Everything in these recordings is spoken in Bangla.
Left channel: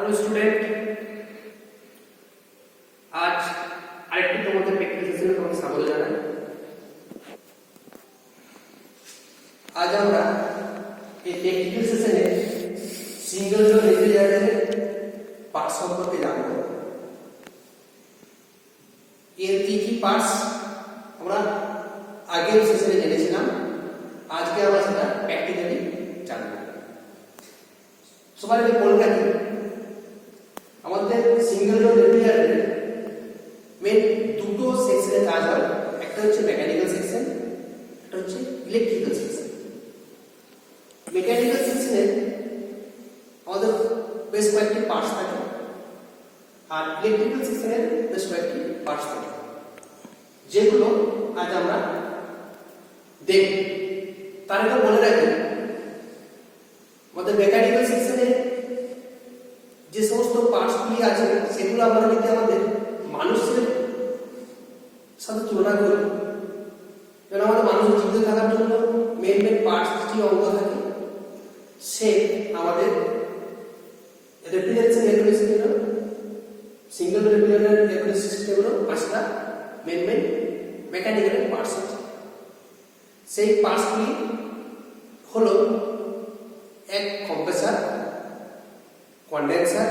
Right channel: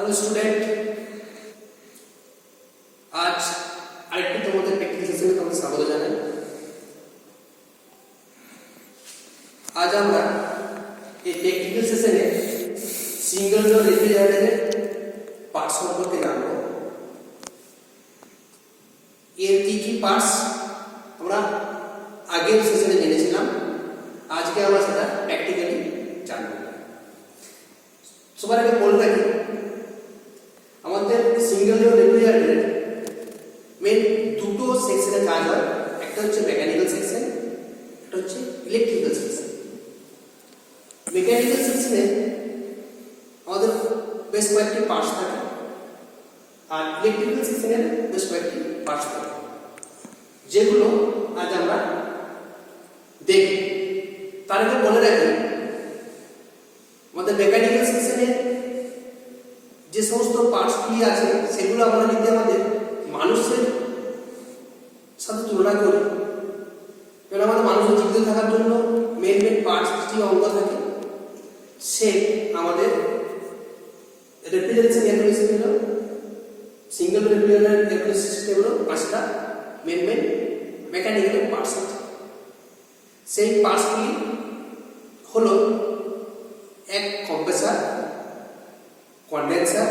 হ্যালো স্টুডেন্ট, আজ আরেকটি তোমাদের প্র্যাকটিস সেশনে তোমাদের স্বাগত জানাই। আজ আমরা এই প্র্যাকটিস সেশনে সিঙ্গেল ডোর রেফ্রিজারেটরের পার্টস সম্পর্কে জানব। এর কি পার্টস আমরা আগের সেশনে জেনেছিলাম, আজকে আমরা সেটা প্র্যাকটিক্যালি জানব। সবার আগে বলে রাখি, আমাদের সিঙ্গেল ডোর রেফ্রিজারেটরের মেন দুটো সেকশনে কাজ হয়। একটা হচ্ছে মেকানিক্যাল সেকশন, একটা হচ্ছে ইলেকট্রিক্যাল সেকশন। মেকানিক্যাল সেকশনে আমাদের বেশ কয়েকটি পার্টস থাকে, আর ইলেকট্রিক্যাল সেকশনের বেশ কয়েকটি পার্টস থাকে, যেগুলো আজ আমরা দেখব। তার আগে বলে রাখি, আমাদের মেকানিক্যাল সেকশনে যে সমস্ত পার্টসগুলি আছে সেগুলো আমরা যদি আমাদের মানুষের সাথে তুলনা করি, কারণ আমাদের মানুষের জীবিত থাকার জন্য মেন পার্টস যে অঙ্গ থাকে, সে আমাদের রেফ্রিজারেশন এয়ার কন্ডিশন হলো single refrigerator air condition system হলো 5টা মেন মেকানিক্যাল পার্টস আছে। সেই পার্টসগুলি হলো এক compressor, condenser,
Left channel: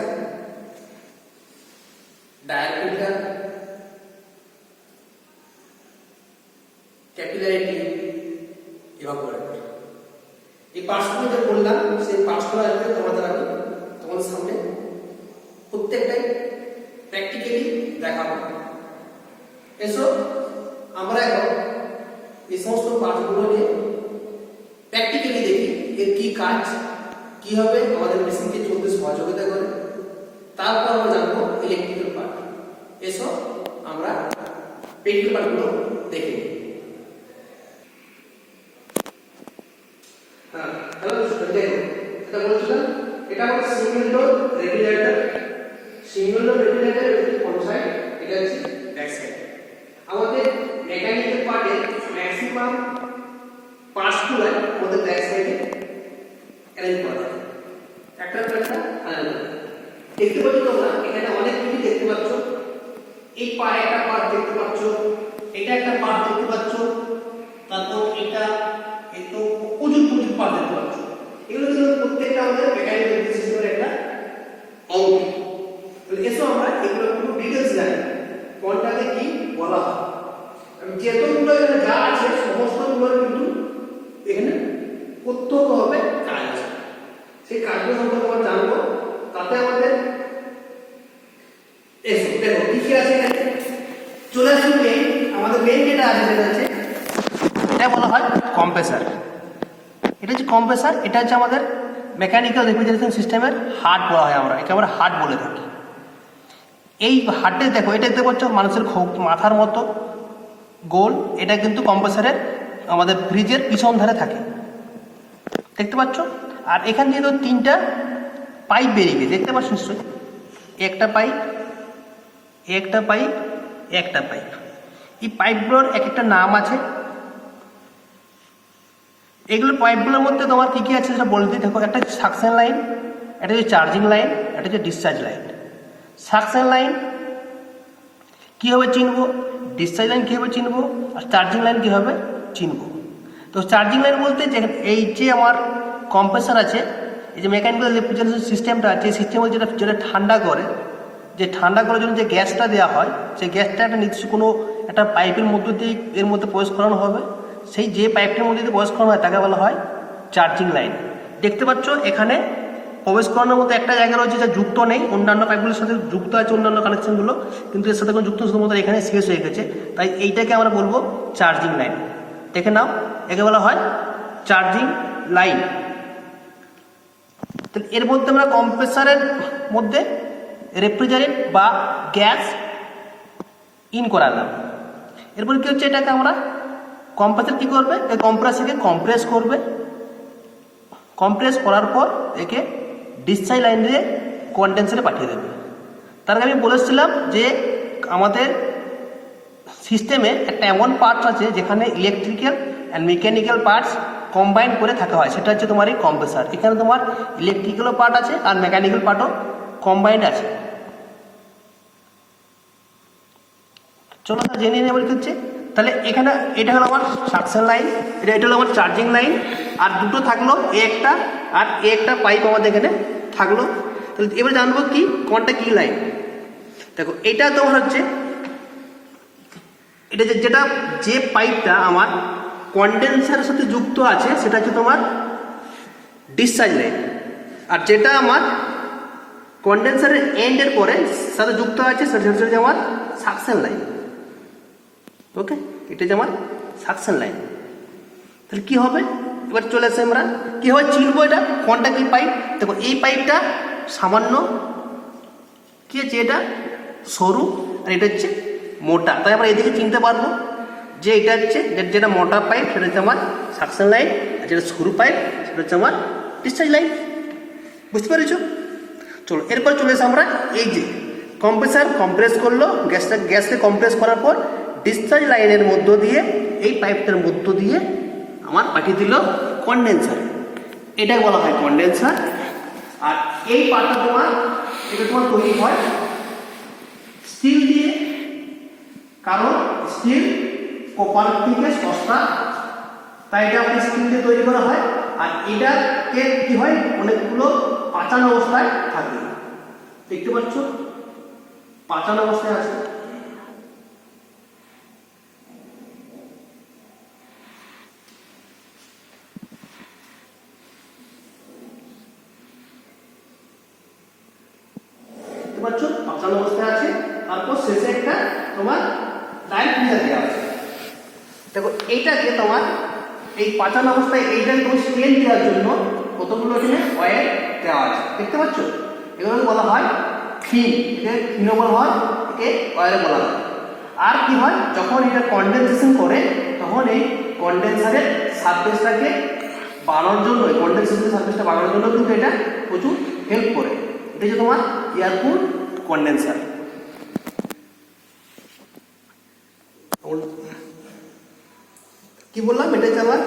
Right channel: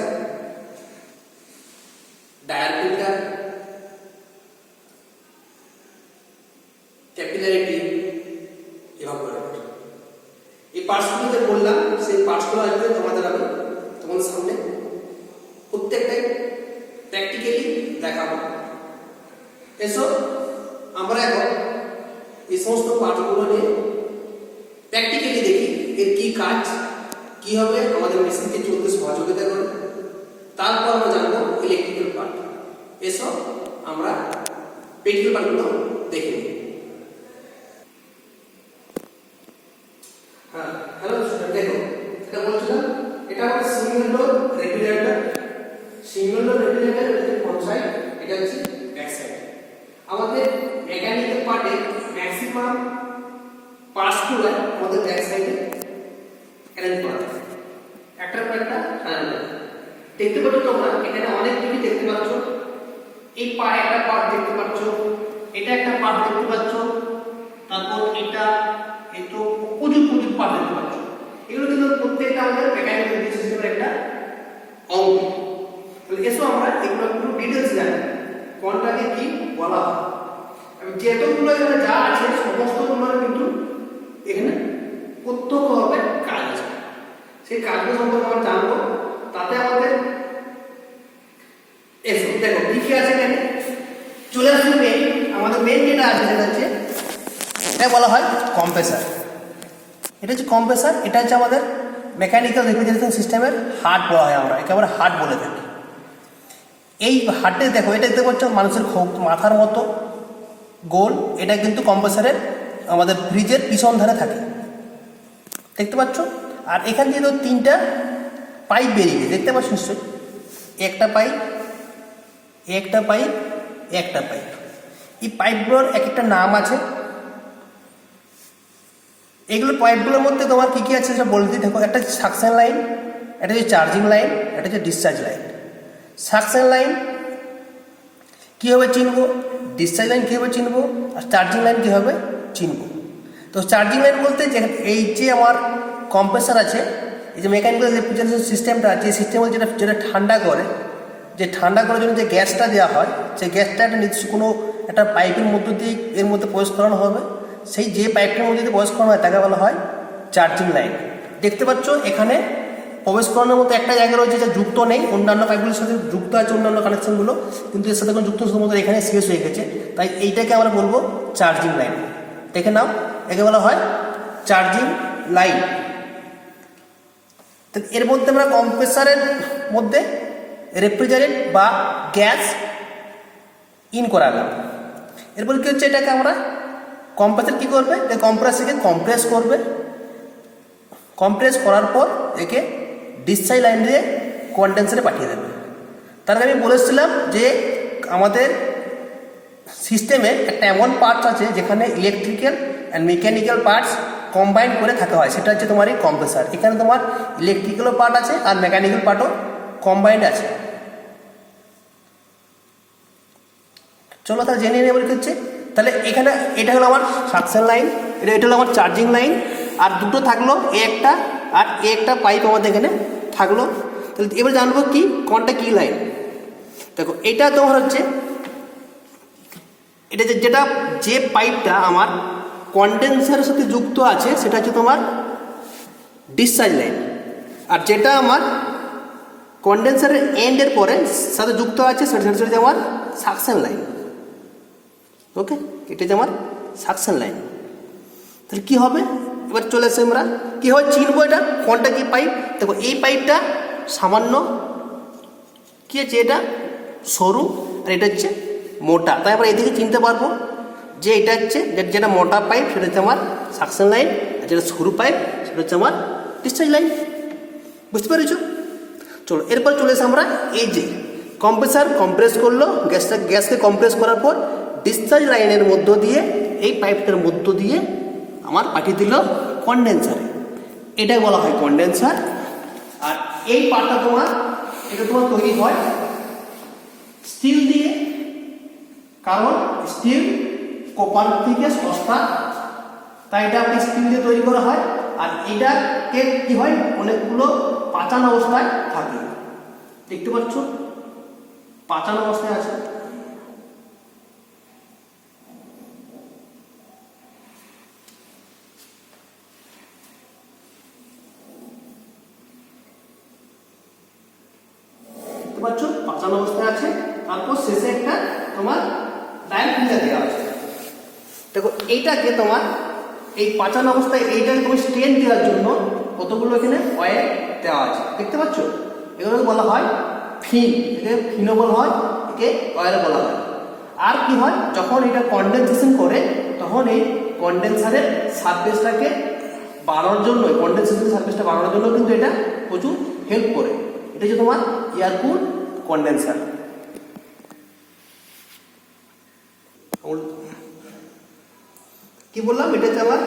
dryer filter, capillarity, evaporator. এই পার্টসগুলো যে বললাম, সেই পার্টসগুলো আসবে তোমাদের সামনে প্রত্যেকটাই প্র্যাকটিক্যালি দেখাবো। এসো আমরা এখন এই সমস্ত পার্টসগুলো নিয়ে প্র্যাকটিক্যালি দেখি এর কি কাজ, কিভাবে আমাদের মেশিনকে চলতে সহযোগিতা করে। তারপর আমরা জানবো ইলেকট্রিক্যাল পার্ট। এসো আমরা প্র্যাকটিক্যাল পার্টগুলো দেখে নিই। হ্যাঁ, হ্যালো দেখো, এটা বলছিলাম, এটা আমাদের single door refrigerator. Single door refrigerator হচ্ছে ফ্রন্ট সাইড, এটা হচ্ছে ব্যাক সাইড। আমাদের মেকানিক্যাল পার্টে ম্যাক্সিমাম পার্টসগুলো আমাদের ব্যাক সাইডে অ্যারেঞ্জ করা থাকে, একটার পর একটা সাজানো থাকে। দেখতে পাচ্ছ তোমরা এখানে অনেক কিছু দেখতে পাচ্ছ। এই একটা পার্ট দেখতে পাচ্ছ, এটা একটা পার্ট দেখতে পাচ্ছ, তারপর এটা একটু প্রচুর পার্ট দেখতে পাচ্ছ। এগুলো কিন্তু প্রত্যেকটা আমাদের মেকানিক্যাল সিস্টেমের একটা অঙ্গ। তাহলে এসো আমরা এগুলো একটু ডিটেইলস জানি, কোনটাকে কি বলা হয়। যেগুলো যা আছে সমস্তগুলো কিন্তু এখানে প্রত্যক্ষভাবে কাজ আছে। সেই কাজগুলো সম্পর্কে আমরা জানবো। তাতে আমাদের এসো দেখো কি আছে এখানে চলে আসুন। আমাদের মেন যেটা আছে সেটা হচ্ছে, এটা বলা হয় কম্প্রেসার। এটা হচ্ছে কম্প্রেসার, এটা হচ্ছে আমাদের মেকানিক্যাল রেফ্রিজারেশন সিস্টেমের হার্ট বলা হয়, আমরা একেবারে হার্ট বলে থাকি। এই হার্টে দেখো, এটা দেখতে পাচ্ছ মানুষের মাথার মতো গোল, এটা কিন্তু কম্প্রেসারের আমাদের ফ্রিজের পিছন ধারে থাকে, দেখতে পাচ্ছ। আর এখান থেকে তো 3টা পাইপ বেরিয়ে দেখতে পাচ্ছ নিশ্চয়ই, একটা পাইপ, একটা পাইপ, একটা পাইপ। এই পাইপগুলোর এক একটা নাম আছে। এগুলো পাইপগুলোর মধ্যে তোমার কী কী আছে সেটা বলতে দেখো। একটা হচ্ছে সাকশন লাইন, একটা হচ্ছে চার্জিং লাইন, একটা হচ্ছে ডিসচার্জ লাইন। সাকশন লাইন কীভাবে চিনবো, ডিসচার্জ লাইন কীভাবে চিনবো, আর চার্জিং লাইন কীভাবে চিনবো। তো চার্জিং লাইন বলতে এই যে আমার কম্প্রেসার আছে, এই যে মেকানিক্যাল রেফ্রিজারেশন সিস্টেমটা আছে, এই সিস্টেম যেটা ঠান্ডা করে, যে ঠান্ডা করার জন্য যে গ্যাসটা দেওয়া হয়, সেই গ্যাসটা একটা নির্দিষ্ট কোনো একটা পাইপের মধ্য দিয়ে এর মধ্যে প্রবেশ করানো হবে। সেই যে পাইপটির মধ্যে দিয়ে প্রবেশ করানো হয় তাকে বলা হয় চার্জিং লাইন। দেখতে পাচ্ছ এখানে প্রবেশ করানোর মতো একটা জায়গা রয়েছে যা যুক্ত নেই, অন্যান্য পাইপগুলোর সাথে যুক্ত আছে অন্যান্য কানেকশনগুলো, কিন্তু এর সাথে কোনো যুক্ত শুধুমাত্র এখানে শেষ হয়ে গেছে। তাই এইটাকে আমরা বলবো চার্জিং লাইন। দেখে নাও, একে বলা হয় চার্জিং লাইন। তো এর মধ্যে আমরা কম্প্রেসারের মধ্যে রেফ্রিজারেন্ট বা গ্যাস ইন করালাম। এরপর কী হচ্ছে, এটাকে আমরা কম্প্রেসার কী করবে, এই কম্প্রেসারকে কম্প্রেস করবে। কম্প্রেস করার পর একে ডিসচার্জ লাইন দিয়ে কন্ডেন্সারে পাঠিয়ে দেবে। তার আগে আমি বলেছিলাম যে আমাদের সিস্টেমে একটা এমন পার্টস আছে যেখানে electrical and mechanical parts combine করে থাকা হয়, সেটা হচ্ছে তোমার এই কম্প্রেসার। এখানে তোমার ইলেকট্রিক্যালও পার্ট আছে আর মেকানিক্যাল পার্টও কম্বাইন্ড আছে। চলো তাহলে জেনে নেব কি হচ্ছে। তাহলে এখানে এটা হলো আমার সাকশন লাইন, এটা হলো আমার চার্জিং লাইন, আর দুটো থাকলো এ একটা আর এ একটা পাইপ আমাদের এখানে থাকলো। তাহলে এবার জানবো কি কোনটা কি লাইন। দেখো এটা তোমার হচ্ছে এটা যেটা যে পাইপটা আমার কন্ডেন্সারের সাথে যুক্ত আছে সেটা হচ্ছে তোমার ডিসচার্জ লাইন, আর যেটা আমার কন্ডেন্সারের এন্ডের পরে সাথে যুক্ত আছে সেটা হচ্ছে আমার সাকশন লাইন। ওকে, এটা যে আমার সাকশন লাইন। তাহলে কী হবে, এবার চলে আসে আমরা কীভাবে চিনবো এটা কোনটা কি পাইপ। দেখো এই পাইপটা সামান্য কী আছে, এটা সরু আর এটা হচ্ছে মোটা, তাই আমরা এদিকে চিনতে পারবো যে এটা হচ্ছে যেটা মোটা পাইপ সেটা হচ্ছে আমার সাকশন লাইন, আর যেটা সরু পাইপ সেটা হচ্ছে আমার ডিসচার্জ লাইন। বুঝতে পেরেছো? চলো এরপর চলে এসে আমরা এই যে কম্প্রেসার কম্প্রেস করলো, গ্যাসকে কম্প্রেস করার পর ডিসচার্জ লাইনের মধ্য দিয়ে এই পাইপটার মধ্য দিয়ে আমার পাঠিয়ে দিল কন্ডেন্সারে, এটাই বলা হয় কন্ডেন্সার। আর এই পার্টটা এটা তোমার তৈরি হয় স্টিল দিয়ে, কারণ স্টিল কপার থেকে সস্তা, তাই এটা আপনি স্টিল দিয়ে তৈরি করা হয়। আর এটাকে কি হয়, অনেকগুলো পাচান অবস্থায় থাকে, দেখতে পাচ্ছ পাচান অবস্থায় আছে। দেখতে পাচ্ছ পাচান অবস্থায় আছে, তারপর শেষে একটা তোমার ডায়াল ফিল্টার দেওয়া আছে। দেখো এইটাকে তোমার এই পাচান অবস্থায় এইটাকে তোমার স্টেন দেওয়ার জন্য কতগুলো এখানে অয়েল দেওয়া আছে, দেখতে পাচ্ছ। এগুলোকে বলা হয় ফিন, একে ফিনও বলা হয়, একে অয়েল বলা হয়। আর কি হয়, যখন এটা কন্ডেনসেশন করে তখন এই কন্ডেন্সারের সারফেসটাকে বাড়ানোর জন্য, কন্ডেন্সেশনের সারফেসটা বাড়ানোর জন্য কিন্তু এটা প্রচুর হেল্প করে। এটা হচ্ছে তোমার এয়ার কুল কন্ডেন্সার। কি বললাম, এটা হচ্ছে আমার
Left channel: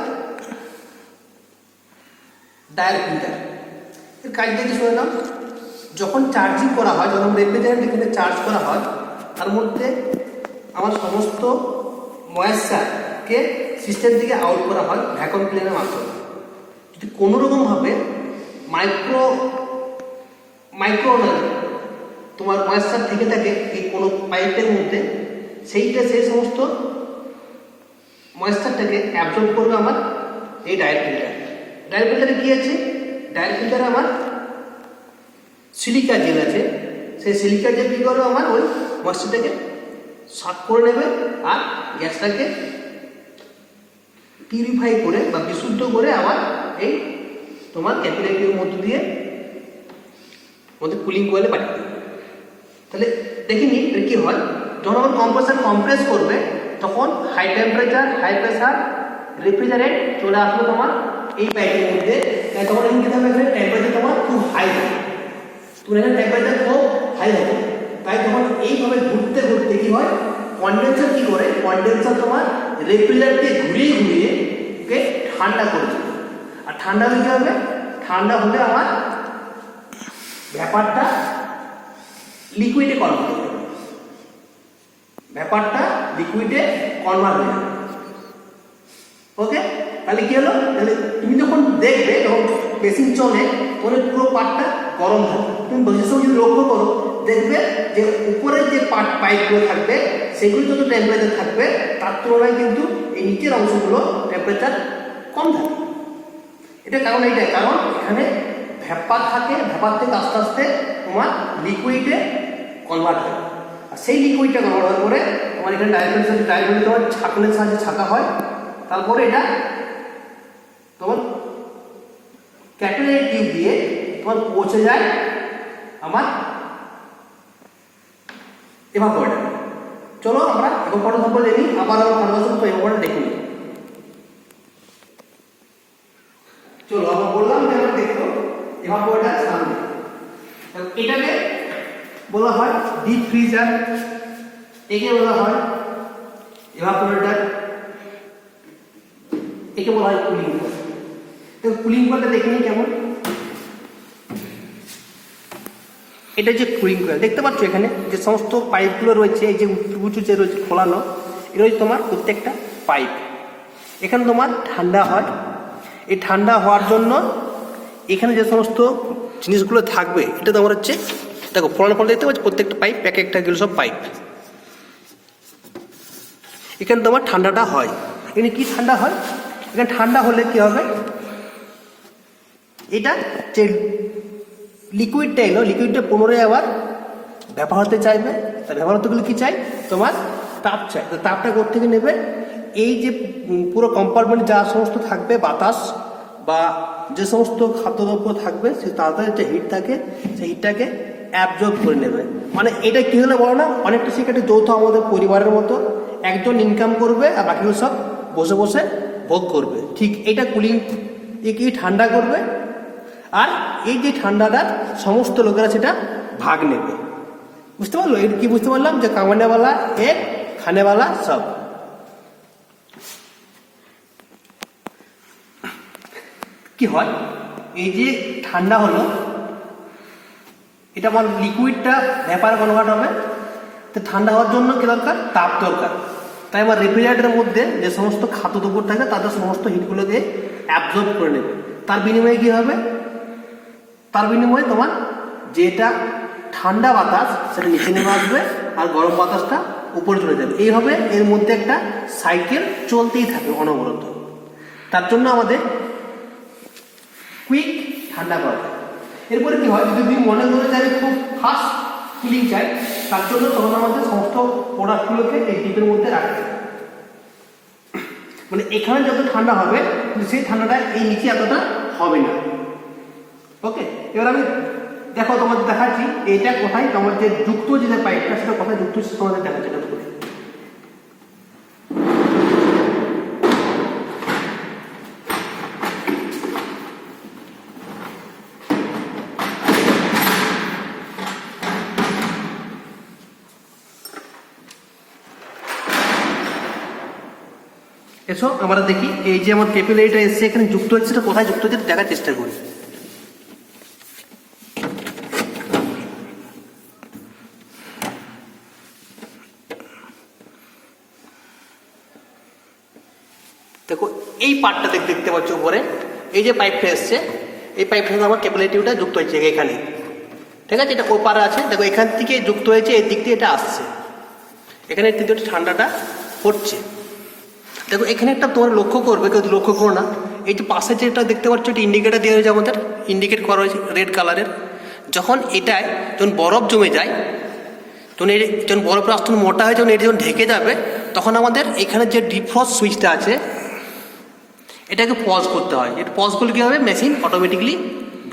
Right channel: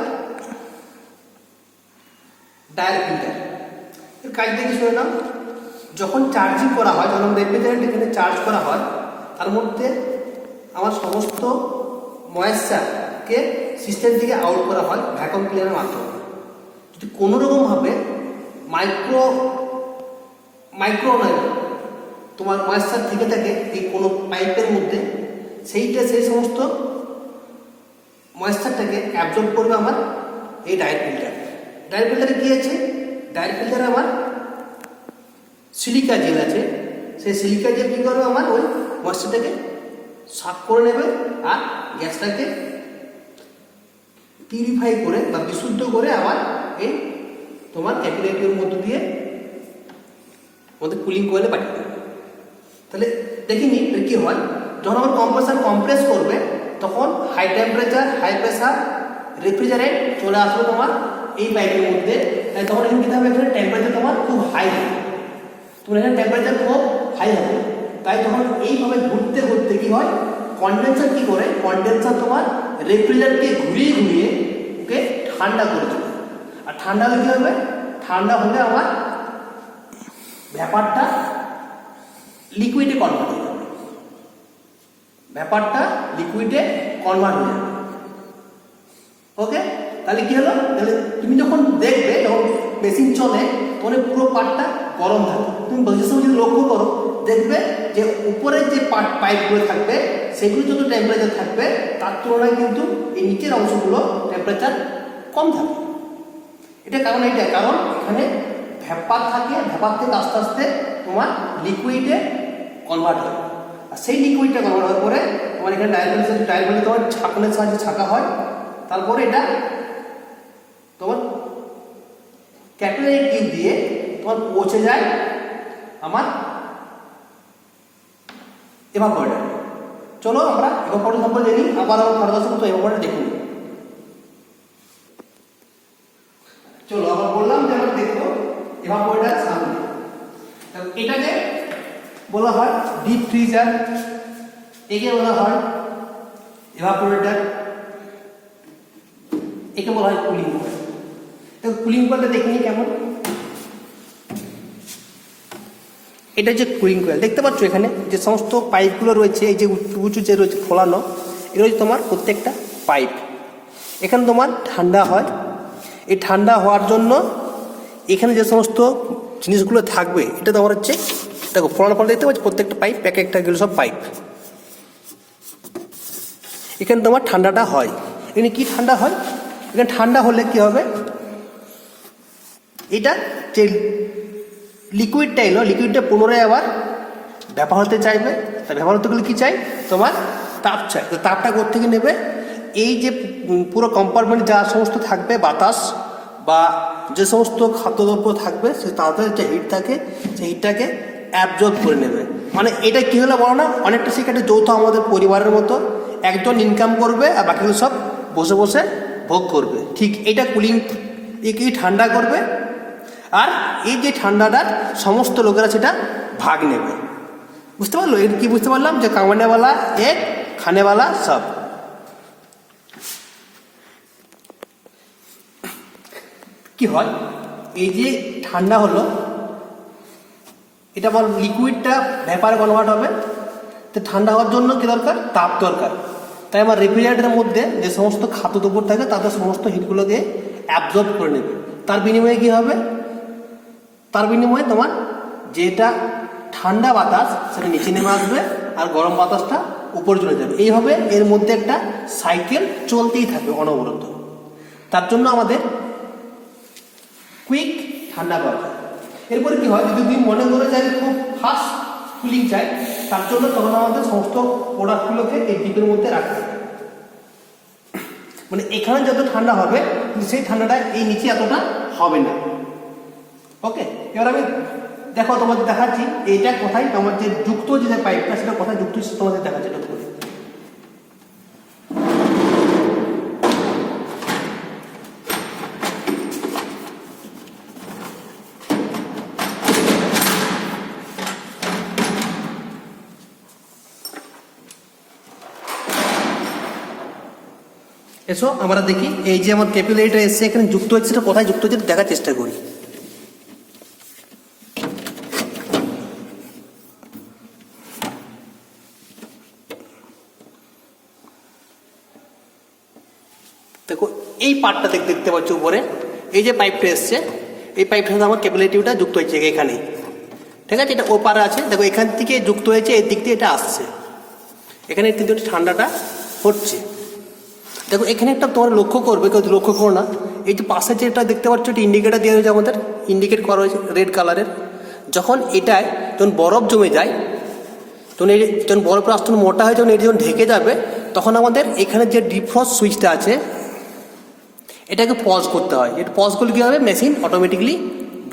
ডায়াল ফিল্টার। এর কাজটা কি শুনে নাও, যখন চার্জিং করা হয়, যখন রেফ্রিজারেন্ট এখানে চার্জ করা হয়, তার মধ্যে আমার সমস্ত ময়েশ্চারকে সিস্টেম থেকে আউট করা হয় ভ্যাকুয়াম ক্লিনারের মাধ্যমে। যদি কোনো রকমভাবে মাইক্রো তোমার ময়েশ্চার থেকে থাকে এই কোনো পাইপের মধ্যে, সেই সমস্ত ময়েশ্চারটাকে অ্যাবজর্ব করবে আমার এই ডায়াল ফিল্টার। ডায়াল ফিল্টারে কী আছে, ডায়াল ফিল্টারে আমার সিলিকা জেল আছে, সেই সিলিকা জেল কী করবে, আমার ওই ময়েশ্চারটাকে সাফ করে নেবে আর গ্যাসটাকে পিউরিফাই করে বা বিশুদ্ধ করে আবার এই তোমার ক্যাপিলারির মধ্য দিয়ে আমাদের কুলিং কোয়েলে পাঠিয়ে দেবে। তাহলে দেখিনি কী হয়, যখন আমার কম্প্রেসার কম্প্রেস করবে তখন high temperature high pressure refrigerant চলে আসবে তোমার এই পাইপের মধ্যে। তখন এখানে কী হবে, এখানে টেম্পারেচার তোমার খুব হাই হবে, তোমার এখানে টেম্পারেচার খুব হাই হবে। তাই তখন এইভাবে ঘুরতে ঘুরতে কী হয়, কন্ডেন্সার কী করে, কন্ডেন্সার তোমার রেফ্রিজারেন্টকে ঘুরিয়ে ঘুরিয়ে ওকে ঠান্ডা করে দেবে। আর ঠান্ডা হলে কী হবে, ঠান্ডা হলে আমার ব্যাপারটা লিকুইডে কনভার্ট হয়ে যাবে, ব্যাপারটা লিকুইডে কনভার্ট হয়ে যাবে। ওকে, তাহলে কি হলো, তাহলে তুমি যখন দেখবে যখন মেশিন চলে তখন পুরো পার্টটা গরম থাকে। তুমি বসে যদি লক্ষ্য করো দেখবে যে উপরের যে পাইপগুলো থাকবে সেগুলো যত টেম্পারেচার থাকবে তার তুলনায় কিন্তু এই নিচের অংশগুলো টেম্পারেচার কম থাকে। এটা কারণ এইটা, কারণ এখানে ভ্যাপার থাকে, ভ্যাপার থেকে আস্তে আস্তে তোমার লিকুইডে কনভার্ট হয়। আর সেই লিকুইডটা কনভার্ট হওয়ার পরে তোমার এখানে ডায়াল তোমার ছাঁকনের সাহায্যে ছাঁকা হয়, তারপরে এটা তোমার ক্যাপিলারি টিউব দিয়ে তোমার পৌঁছে যায় আমার এভাপোরেটর। চলো আমরা এভাপোরেটর সম্পর্কে দেখি, আবার কারবাসন তো এভাপোরেটর দেখি। চলো আবার বললাম যে আমরা দেখবো এভাপোরেটর সামনে। এটাকে বলা হয় ডিপ ফ্রিজার, একে বলা হয় এভাপোরেটর, একে বলা হয় কুলিং কয়েল। কুলিং কয়েলটা দেখে নিই কেমন। এটা যে কুলিং কয়েল দেখতে পাচ্ছ, এখানে যে সমস্ত পাইপগুলো রয়েছে, এই যে উঁচু যে রয়েছে ফোলানো, এটা রয়েছে তোমার প্রত্যেকটা পাইপ। এখানে তোমার ঠান্ডা হয়, এই ঠান্ডা হওয়ার জন্য এখানে যে সমস্ত জিনিসগুলো থাকবে এটা তোমার হচ্ছে, দেখো ফোলানো ফল দেখতে পাচ্ছ, প্রত্যেকটা পাইপ এক একটা গেলো সব পাইপ। এখানে তোমার ঠান্ডাটা হয়। এখানে কি ঠান্ডা হয়, এখানে ঠান্ডা হলে কি হবে, এটা যে লিকুইডটা এলো, লিকুইডটা পুনরায় আবার ব্যবহার হতে চাইবে। তাই ব্যবহার হতে গেলে কী চাই, তোমার তাপ চাই। তো তাপটা কোথা থেকে নেবে, এই যে পুরো কম্পার্টমেন্ট যা সমস্ত থাকবে বাতাস বা যে সমস্ত খাদ্যদ্রব্য থাকবে, সে তাড়াতাড়ি যে হিট থাকে সেই হিটটাকে অ্যাবজর্ব করে নেবে। মানে এটা কী হলো বলো না, অনেকটা সেখানে যৌথ আমাদের পরিবারের মতো, একজন ইনকাম করবে আর বাকিগুলো সব বসে বসে ভোগ করবে। ঠিক এটা কুলিং, একে ঠান্ডা করবে, আর এই যে ঠান্ডাটা সমস্ত লোকেরা সেটা ভাগ নেবে। বুঝতে পারলো, এটা কি বুঝতে পারলাম, যে কামানেওয়ালা এক, খানেওয়ালা সব। কি হয়, এই যে ঠান্ডা হলো, এটা আমার লিকুইডটা ভ্যাপার কনভার্ট হবে। তো ঠান্ডা হওয়ার জন্য কি দরকার, তাপ দরকার। তাই আমার রেফ্রিজারেটরের মধ্যে যে সমস্ত খাদ্যদ্রব্য থাকে তাদের সমস্ত হিটগুলো দিয়ে অ্যাবজর্ব করে নেবে। তার বিনিময়ে কী হবে, তার বিনিময়ে তোমার যেটা ঠান্ডা বাতাস সেটা নিচে নেমে আসবে আর গরম বাতাসটা উপরে চলে যাবে। এইভাবে এর মধ্যে একটা সাইকেল চলতেই থাকবে অনবরত। তার জন্য আমাদের কুইক ঠান্ডা করা। এরপরে কি হয়, যদি তুমি মনে করে যে আমি খুব ফাস্ট কুলিং চাই, তার জন্য তখন আমাদের সমস্ত প্রোডাক্টগুলোকে এই ডিপের মধ্যে রাখতে হবে। মানে এখানে যত ঠান্ডা হবে সেই ঠান্ডাটা এই নিচে এতটা হবে না। ওকে, এবার আমি দেখো তোমাদের দেখাচ্ছি এইটা কোথায়, তোমার যে যুক্ত যে পাইপটা সেটা কোথায় যুক্ত তোমাদের দেখাচ্ছি। এটা করে এসো আমরা দেখি, এই যে আমার ক্যাপিলারিটা এসছে এখানে যুক্ত হচ্ছে, সেটা কোথায় যুক্ত হচ্ছে দেখার চেষ্টা করি। দেখো এই পার্টটা দেখতে পাচ্ছ উপরে, এই যে পাইপটা এসছে, এই পাইপটার সাথে আমার ক্যাপিলারিটিটা যুক্ত হচ্ছে এখানে। ঠিক আছে, এটা ওপারে আছে, দেখো এখান থেকে যুক্ত হয়েছে, এই দিক দিয়ে এটা আসছে, এখানে কিন্তু ঠান্ডাটা হচ্ছে। দেখো এখানে একটা তোমার লক্ষ্য করবে, কেউ লক্ষ্য করো না, এই যে পাশে যেটা দেখতে পাচ্ছ এটা ইন্ডিকেটার দেওয়া হয়েছে, আমাদের ইন্ডিকেট করা হয়েছে রেড কালারের। যখন এটায় যখন বরফ জমে যায়, যখন বরফের আস্তরণ মোটা হয়, যখন এটা যখন ঢেকে যাবে, তখন আমাদের এখানে যে ডিফ্রস্ট সুইচটা আছে এটাকে পজ করতে হয়। এটা পজ করলে কী হবে, মেশিন অটোমেটিকলি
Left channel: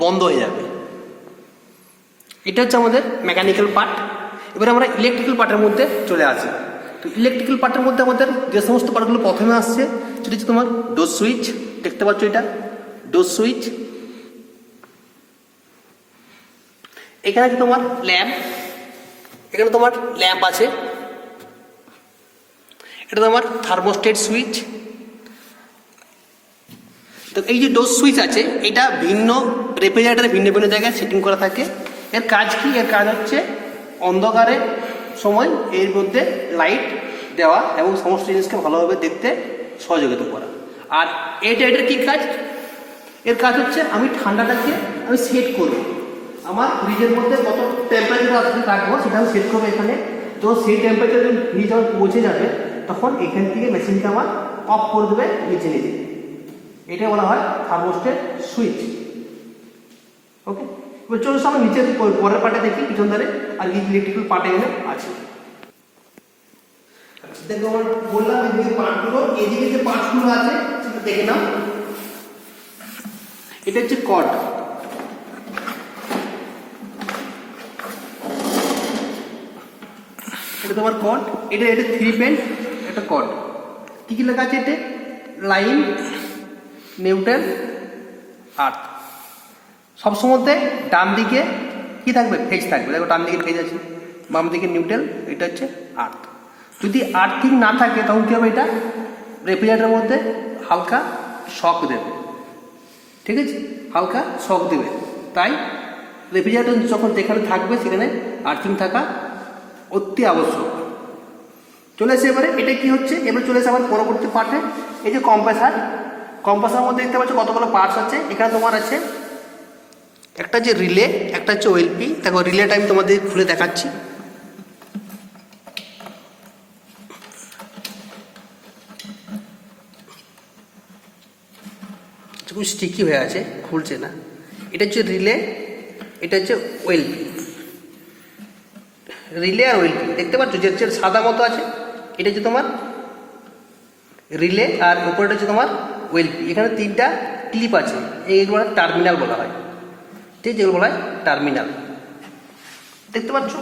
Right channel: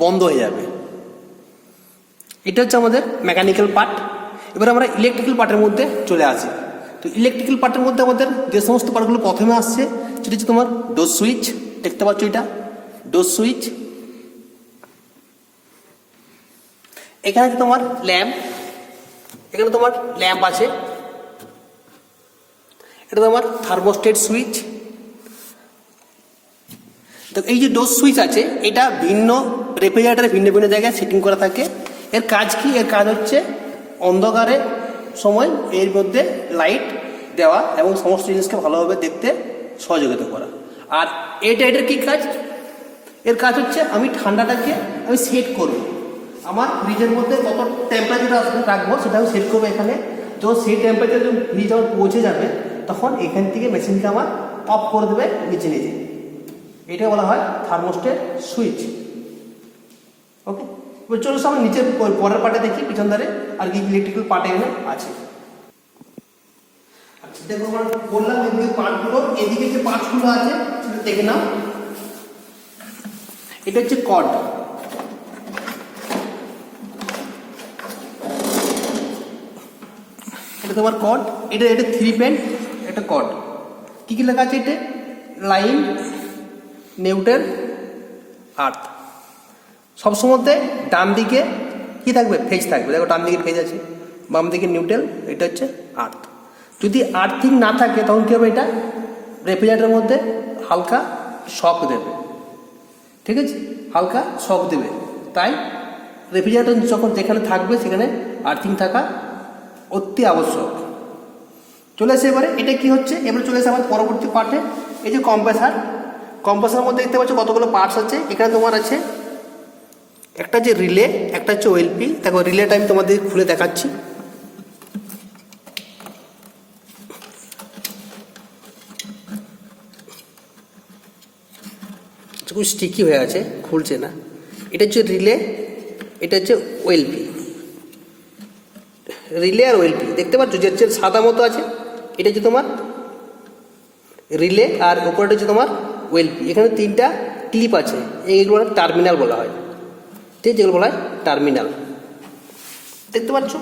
বন্ধ হয়ে যাবে। এটা হচ্ছে আমাদের মেকানিক্যাল পার্ট। এবার আমরা ইলেকট্রিক্যাল পার্টের মধ্যে চলে আসি। তো ইলেকট্রিক্যাল পার্টের মধ্যে আমাদের যে সমস্ত পার্টগুলো প্রথমে আসছে সেটা হচ্ছে তোমার ডোজ সুইচ, দেখতে পাচ্ছ এটা ডোজ সুইচ। এখানে আছে তোমার ল্যাম্প, এখানে তোমার ল্যাম্প আছে। এটা তোমার থার্মোস্টেট সুইচ। তো এই যে ডোজ সুইচ আছে, এটা ভিন্ন রেফ্রিজারেটরে ভিন্ন ভিন্ন জায়গায় সেটিং করা থাকে। এর কাজ কি, এর কাজ হচ্ছে অন্ধকারের সময় এর মধ্যে লাইট দেওয়া এবং সমস্ত জিনিসকে ভালোভাবে দেখতে সহযোগিতা করা। আর এটার কী কাজ, এর কাজ হচ্ছে আমি ঠান্ডাটাকে আমি সেট করব, আমার ফ্রিজের মধ্যে কত টেম্পারেচার আসলে রাখবো সেটা আমি সেট করবো এখানে। তো সেই টেম্পারেচার যখন ফ্রিজ যখন পৌঁছে যাবে, তখন এখান থেকে মেশিনকে আমার অফ করে দেবে নিচে নিচে। এটা বলা হয় থার্মোস্টেট সুইচ। ওকে, এবার চলো আমরা নিচের পরের পার্টে দেখি, পিছন ধারে আর কি ইলেকট্রিক্যাল পার্টে এখানে আছে। দেখো আমরা বললাম এদিকে পার্টগুলো, এদিকে যে পার্টগুলো আছে সেটা দেখে নাও। এটা হচ্ছে কর্ড, এটা তোমার কর্ড। এটা 3 পেন একটা কর্ড। কি কি লেখা আছে এতে, লাইন, নিউট্রাল, আর্থ। সবসময়তে ডান দিকে কি থাকবে, ফেজ থাকবে। দেখো ডান দিকে ফেজ আছে, বাম দিকে নিউট্রাল, এটা হচ্ছে আর্থ। যদি আর্থিং না থাকে তখন কী হবে, এটা রেফ্রিজারেটরের মধ্যে হালকা শক দেবে। ঠিক আছে, হালকা শক দেবে। তাই রেফ্রিজারেটর যখন যেখানে থাকবে সেখানে আর্থিং থাকা অতি আবশ্যক। চলে এসে এবারে এটা কি হচ্ছে, এবারে চলে এসে আবার পরবর্তী পার্টে এই যে কম্প্রেসার। কম্প্রেসারের মধ্যে দেখতে পাচ্ছ কতগুলো পার্টস আছে। এখানে তোমার আছে একটা যে রিলে, একটা হচ্ছে ওএলপি। দেখো রিলেটা আমি তোমাদের খুলে দেখাচ্ছি। খুব স্টিকি হয়ে আছে, খুলছে না। এটা হচ্ছে রিলে, এটা হচ্ছে ওএলপি। রিলে আর ওএলপি দেখতে পাচ্ছ যে সাদা মতো আছে, এটা হচ্ছে তোমার রিলে, আর ওপরটা হচ্ছে তোমার ওএলপি। এখানে তিনটা ক্লিপ আছে, এইগুলো টার্মিনাল বলা হয়, ঠিক, যেগুলো বলা হয় টার্মিনাল। দেখতে পাচ্ছ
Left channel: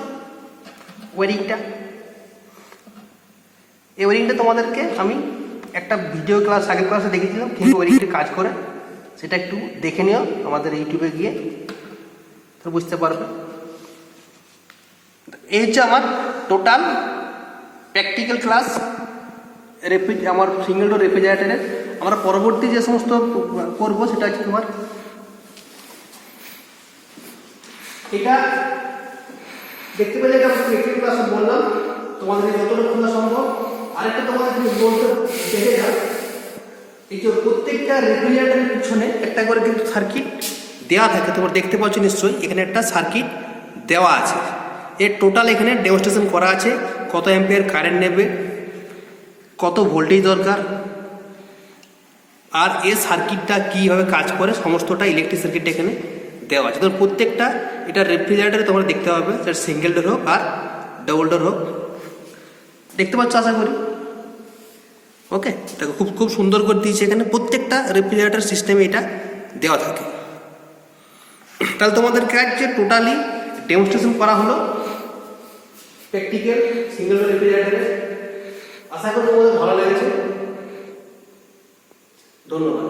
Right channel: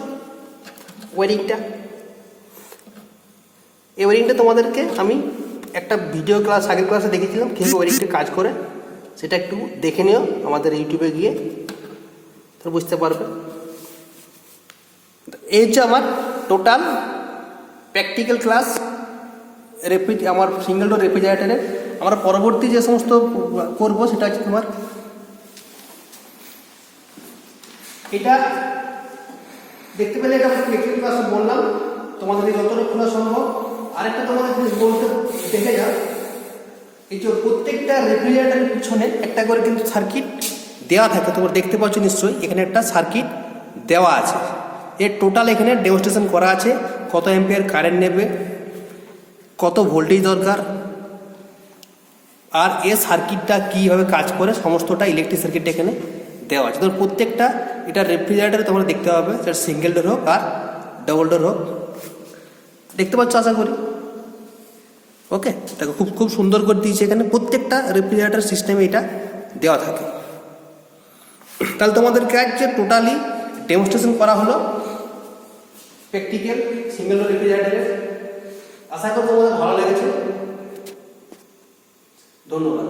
ওয়ারিংটা। এই ওয়ারিংটা তোমাদেরকে আমি একটা ভিডিও ক্লাস, আগের ক্লাসে দেখেছিলাম কিন্তু ওয়ারিংটা কাজ করে, সেটা একটু দেখে নিও আমাদের ইউটিউবে গিয়ে, তো বুঝতে পারবে। এই হচ্ছে আমার টোটাল প্র্যাকটিক্যাল ক্লাস আমার সিঙ্গেল ডোর রেফ্রিজারেটরের। আমরা পরবর্তী যে সমস্ত করবো সেটা হচ্ছে তোমার এটা দেখতে পেলে, এটা আমি প্র্যাকটিক্যাল ক্লাসে বললাম তোমাদের যতটুকু সম্ভব। আরেকটা তোমাদের বলতে দেখে যাও, এই যে প্রত্যেকটা রেফ্রিজারেটরের পিছনে একটা করে কিন্তু সার্কিট দেওয়া থাকে, তোমরা দেখতে পাচ্ছ নিশ্চয়ই। এখানে একটা সার্কিট দেওয়া আছে, এর টোটাল এখানে ডেমনস্ট্রেশন করা আছে, কত অ্যাম্পিয়ার কারেন্ট নেবে, কত ভোল্টেজ দরকার, আর এর সার্কিটটা কীভাবে কাজ করে, সমস্তটা ইলেকট্রিক সার্কিটটা এখানে দেওয়া আছে। তো প্রত্যেকটা এটা রেফ্রিজারেটরে তোমরা দেখতে পাবে, সেটা সিঙ্গেল ডোর হোক আর ডবল ডোর হোক। দেখতে পাচ্ছ আশা করি। ওকে, দেখো খুব সুন্দর করে দিয়েছে এখানে, প্রত্যেকটা রেফ্রিজারেটর সিস্টেমে এটা দেওয়া থাকে। তাহলে তোমাদের কাছে টোটালি ডেমনস্ট্রেশন করা হলো প্র্যাকটিক্যাল সিঙ্গেল ডোর রেফ্রিজারেটরের। আশা করি তোমাদের ভালো লেগেছে। ধন্যবাদ।